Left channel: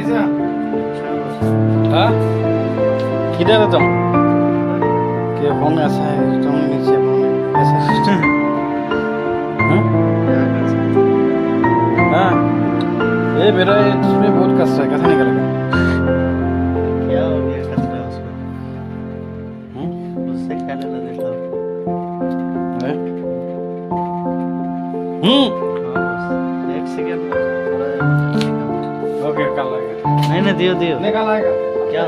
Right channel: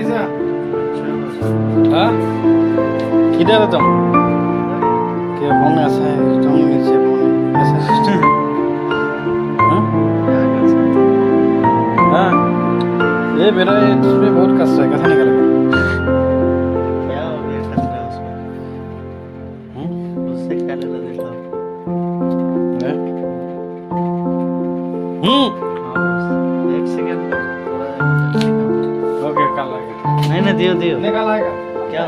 कैसा? हाँ किधर हो तुम? क्या फोन ऐसा है, तुम नीचे फोन है, कैसा सिस्टम? हाँ हाँ ये मेरा इसमें बहुत कष्ट है, कैसा निकलेगा? क्या हो गया खतरा उसमें? उससे क्या लेना देना? हाँ बस एक सेकंड थोड़ा ओके कल आएगा। नहीं दियो निकाल आएगा क्या